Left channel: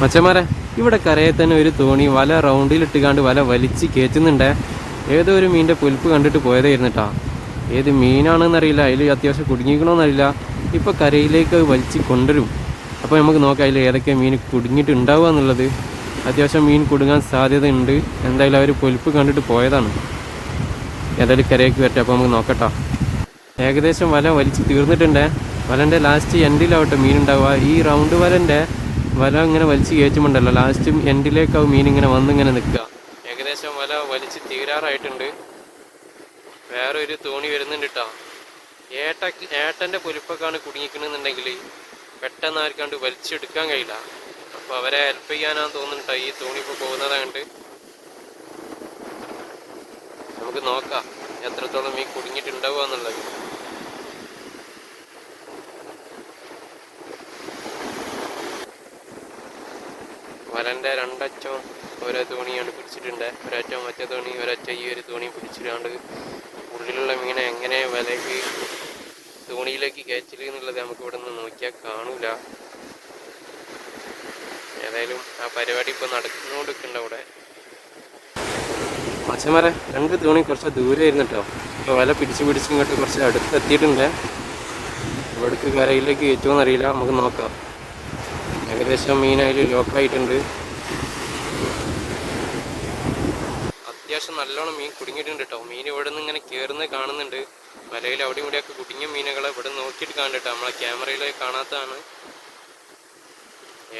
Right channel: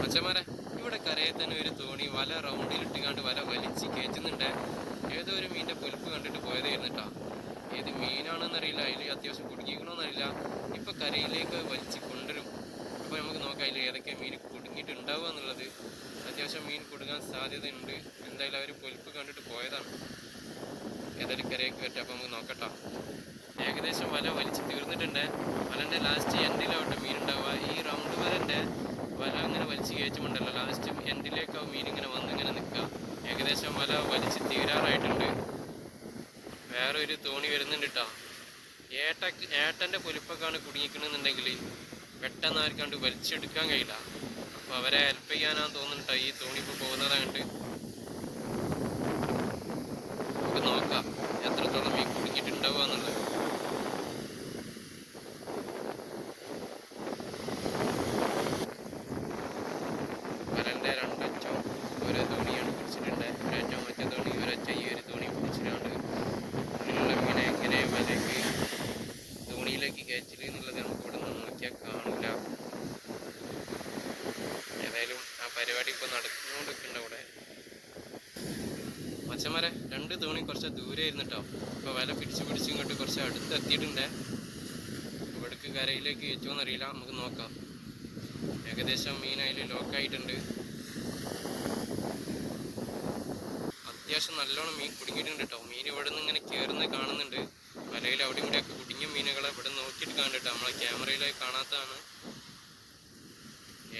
മച്ചന്മാരെ, ഇവിടെ കരയിൽ തന്നെ ഒരു തോണി വല റൗണ്ടിലിട്ടുകാണ്ട് വല വലിച്ച് കയറ്റുന്നുണ്ടേ. ഏതോ ഒരു മീനിൻ്റെ പുലിപ്പ് കണ്ടിട്ട് പോയതായിരുന്നു കേട്ടോ. ഏത് മീനാണെന്നറിയില്ല, അതിൽ അത്യാവശ്യം കുടുങ്ങിക്കണമെന്നറിയില്ല. ഇപ്പോൾ കരയിലേക്ക് വലിച്ച് കൊണ്ടുവരും. അപ്പോൾ നമുക്ക് നോക്കാം അതിൽ ഏതൊക്കെ മീൻ കുടുങ്ങിയിട്ടുണ്ടാവുക എന്നുള്ളത്. അത്യാവശ്യം മീൻ കുടുങ്ങാൻ സാധ്യതയുണ്ട്. എന്തായാലും അവർ പുലിപ്പ് കണ്ടിട്ട് പോയതാണ്. ഏതായാലും കരയ്ക്ക് വരട്ടെ, അപ്പോൾ നമുക്ക് നോക്കട്ടോ. ഏകദേശം വല വലിച്ച് തീർന്നിട്ടുണ്ട്. വലൻ്റെ ലാസ്റ്റ് എൻഡിലാവട്ടെ മീൻ ഉണ്ടാവുക. ഈ റൗണ്ട് വല ഇങ്ങനെ വലിച്ച് കയറ്റുമുണ്ടല്ലോ, ലാസ്റ്റ് എൻഡിലേക്കാവും മീൻ ഇങ്ങനെ വന്നിങ്ങനെ നിൽക്കുക. ഏകദേശം വല വലിച്ച് തീരാറായിട്ടുണ്ട്. വേറൊരു തോണി വരുന്നുണ്ട് കേട്ടോ. ഏട്ടൻ്റെ പുലിപ്പൊക്കെയാണ് കുടുങ്ങിക്കണമെന്നുണ്ടെങ്കിൽ പെട്ടെന്ന് ആർക്കാണ്ട് വലിച്ചെടുക്കാൻ കഴിയില്ല. അപ്പോൾ അവരെ ഹെൽപ്പ് ചെയ്യാനാന്ന് തോന്നുന്നുണ്ടോ ഈ തോണി ഇപ്പോൾ പോകുന്നതായിട്ട്. നമുക്ക് നോക്കാം എത്രത്തോളം മീൻ കുടുങ്ങിയിട്ടുണ്ടാവുക എന്നുള്ളത്. വലൻ്റെ രണ്ടറ്റം ഓരോ തോണിയാണ് പിടിച്ചിട്ടുണ്ട്. ഒരറ്റം മറ്റേ തോണി, ഒരറ്റം ഈ ഒരു തോണി പിടിച്ചിട്ടാണ്ട് ഉള്ളിലുള്ള മീനെ എങ്ങനെ വലയ്ക്ക് തോണിയിലേക്ക് കയറ്റില്ല എന്നുള്ളത് നമുക്ക് ഇവിടെ നിന്ന് നോക്കിയാൽ കാണൂല. ഏതായാലും ആ പരിപാടി ഇപ്പോൾ നടന്നുകൊണ്ടിരിക്കുന്നുണ്ട് അവിടെ. മച്ചന്മാരെ, രണ്ട് തോണി കുറച്ച് ദൂരെ ആയിരുന്നു കേട്ടോ. ഇപ്പോൾ വല പിടിച്ച് ഇങ്ങോട്ട് കുറച്ച് അടുത്തെത്തിയിട്ടുണ്ട്. ഇവിടേക്ക് കരയിലേക്ക് കയറ്റുമെന്നറിയില്ല, നമുക്ക് നോക്കാം. ഏകദേശം മീൻ അതിൽ ലോക്കായിട്ടുണ്ട്. അത്യാവശ്യം നല്ലോണം മീൻ കുടുങ്ങിയിട്ടുണ്ട് കേട്ടോ. മീൻ ഇവിടെ നിന്ന് ഇങ്ങനെ കയറുന്നത് കാണുന്നുണ്ട്. മലയിൽ അവിടെ ഇവിടെയൊക്കെ കുടുങ്ങിയ മീനുകളെ ഇവിടെ നോക്കിയിട്ട് കാണുന്നുണ്ട്. നമ്മളെ ക്യാമറയിൽ കാണാത്തതാണ്.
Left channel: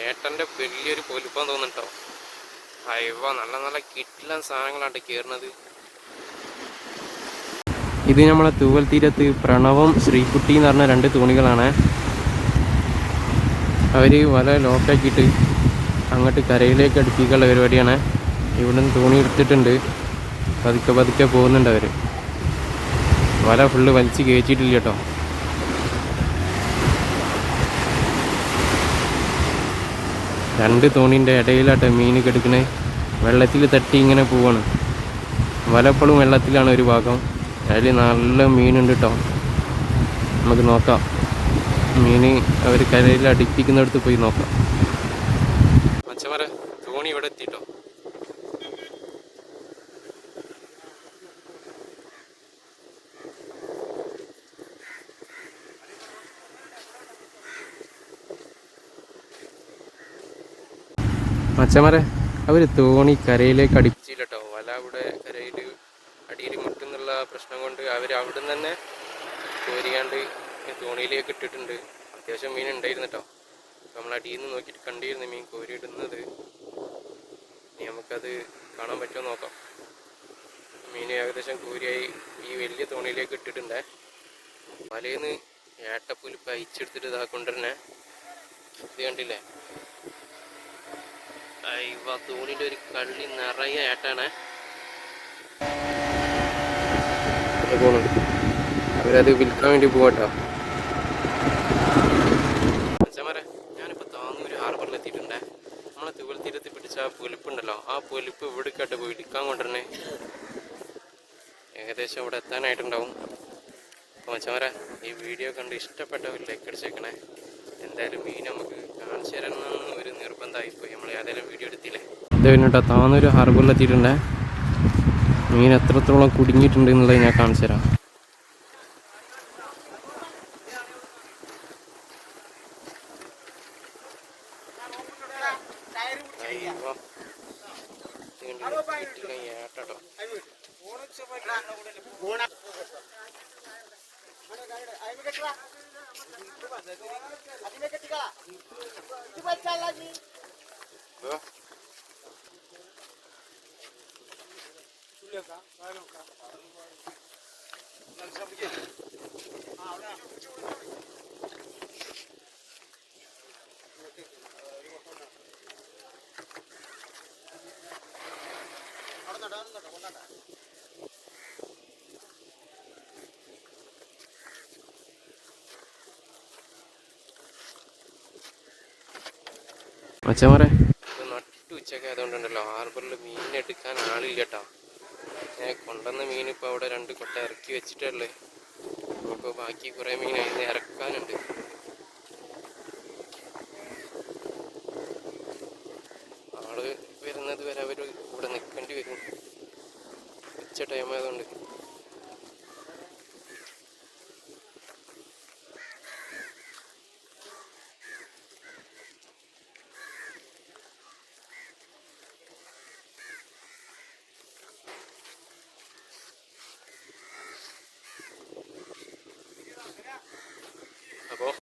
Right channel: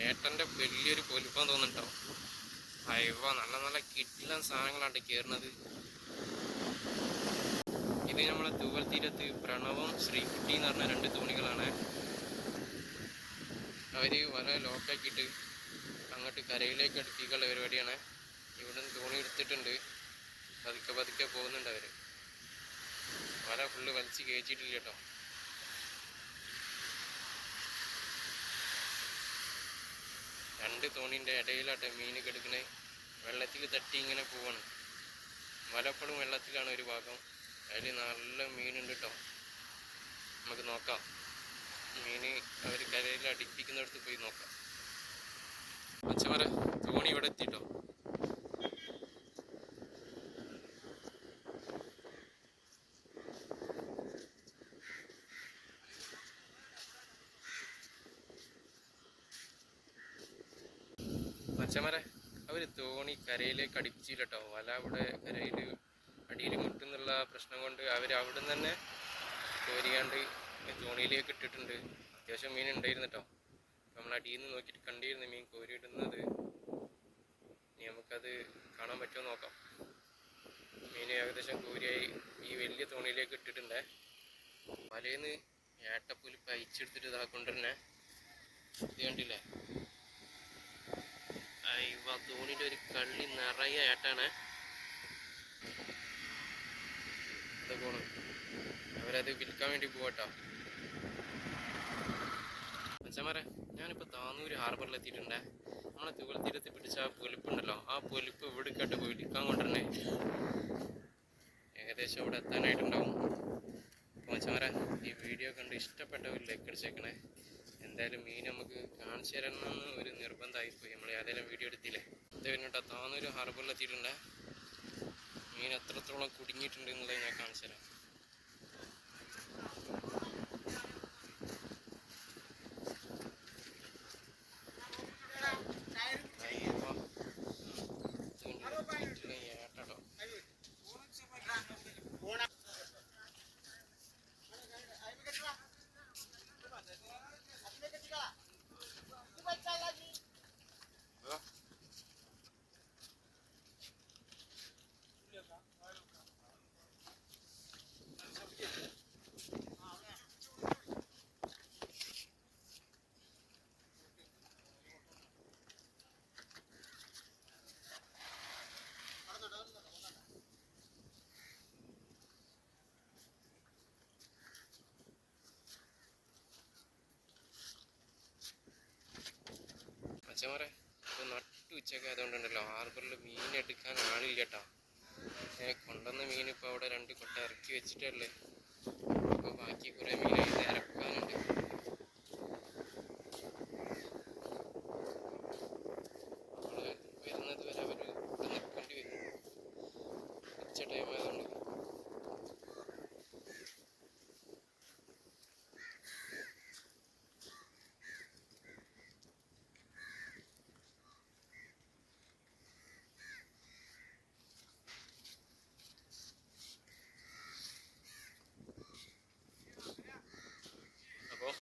ഏട്ടൻ്റെ വലിയൊരു പൊലിപ്പം തോന്നുന്നുണ്ടോ. അയവ നല്ല നല്ല കിട്ടില്ല സാധനങ്ങളാണ് കയറുന്നത്. ഇത് നമ്മളെ തൂവൽ തീരത്ത് പ്രണവും ശ്രീകുട്ടി എന്ന് പറഞ്ഞ രണ്ട് തോണികളാണ്. അവർ വല ലോക്കാക്കിയിട്ട് അങ്ങോട്ട് കരയിലേക്ക് അടുപ്പിക്കാനുള്ള പരിപാടിയാണ്. ഇവിടുന്ന് തോണി എടുത്തിട്ടുണ്ട്. പതുക്കെ പോകുന്നുണ്ട് അവർ. വല ഫുള്ള് വലിച്ച് കയറ്റിയിട്ടില്ല കേട്ടോ. രണ്ട് തോണീൻ്റെ ഇടയിലാട്ടോ മീൻ കിടക്കണേ. വെള്ളത്തിൽ തട്ടി ഇങ്ങനെ പോവാണ്. വലപ്പോഴും വെള്ളത്തിലാണ് ഒരു ഭാഗം. അതിൽ നല്ല മീനുണ്ട് കേട്ടോ. നമുക്ക് നോക്കാം. മീൻ അവർ കരയിൽ അടുപ്പിക്കുന്നിടത്ത് പോയി നോക്കാം. മച്ചന്മാരെ, തോണി ഇവിടെ എത്തിട്ടോ. മച്ചന്മാരെ, അവർ തോണി കരയിലേക്ക് അടുപ്പിച്ചില്ല കേട്ടോ. വല അവിടെ കരയിൽ അടിയിൽ മുട്ടുന്നുള്ള പ്രശ്നം കൊണ്ട് അവർ അവിടെ നിന്ന് തന്നെ കോരിയാണ്ട് തോണിയിലേക്ക് ഇട്ടിട്ടുണ്ട്. അത്യാവശ്യം മീൻ ഉണ്ടായിരുന്നു കേട്ടോ. നമ്മൾ അടിയിൽ നിന്ന് നോക്കിയിട്ട് കണ്ടിരുന്നു മീൻ കോരിയിടുന്നത്. ഇനി നമുക്കത് കാണാൻ പറ്റുമോ നോക്കാം. മീൻ ഏകദേശം കോരിയായി ഈ വലിയ തോണിയിലേക്ക് ഇട്ടിട്ടുണ്ടേ. മലയിൽ നിന്ന് ഏട്ടപ്പുലിപ്പ് അയച്ചെടുത്തിട്ട് ഇതാ കൊണ്ടുവരണേ. ഇത് കണ്ടില്ലേ, തോണിയുടെ ഒരു കള്ളി നിറയെ ഏട്ടാണ്. അവരത് വിൽക്കാൻ വേണ്ടി പോകട്ടോ. മച്ചന്മാരെ, ഞാനിപ്പോൾ താന്നൂര് ഹാർബറിൽ എത്തിയിട്ടുണ്ടേ. നമ്മളെ തൂവൽ തീരത്ത് പിടിച്ച ആ പൊലിപ്പുണ്ടല്ലോ, ആ പൊലിപ്പ് ഇവിടേക്കാട്ട് പോയി ഇടിക്കാൻ കൊണ്ടുവരണേ. ഏകദേശം ഇവിടെ എത്താനായിട്ടുണ്ടാവും. അപ്പോൾ മച്ചന്മാരെ, ഈ വീഡിയോ കണ്ട് ഇഷ്ടപ്പെട്ടവർ ലൈക്ക് അടിച്ചേക്കണേ. എന്തായാലും മീൻ നമുക്ക് കാണിച്ചു തരണമെന്ന് ഒരു നിർബന്ധമായിപ്പോയി. നമ്മൾ ഏതായാലും വീഡിയോ എടുത്തില്ലേ. ഇത് കഴിഞ്ഞിട്ടോ താന്നൂര് ഹാർബറിൽ എത്തിയിട്ടുണ്ടേ. മീൻ എത്രത്തോളം കുടുങ്ങിയിട്ടുണ്ട് എന്നുള്ളത് ഞാൻ കാണിച്ചു തരാം. ഏട്ടോ മച്ചന്മാരെ, നട്ടു ഉച്ചയൊക്കെ ആയതുകൊണ്ടുണ്ടല്ലോ ഹാർബറിൽ മീൻ എടുക്കാൻ ആളില്ല കേട്ടോ. കൊണ്ടുവന്ന മീൻ ഇപ്പോൾ അവിടെ രണ്ട് കൊട്ട ഇറക്കി വെച്ചിട്ടുള്ളേ. അപ്പോൾ ബാക്കി കുറേ മീൻ അതിന് ഇറക്കാനുണ്ട്. ഉച്ച ടൈം ആയതുകൊണ്ട്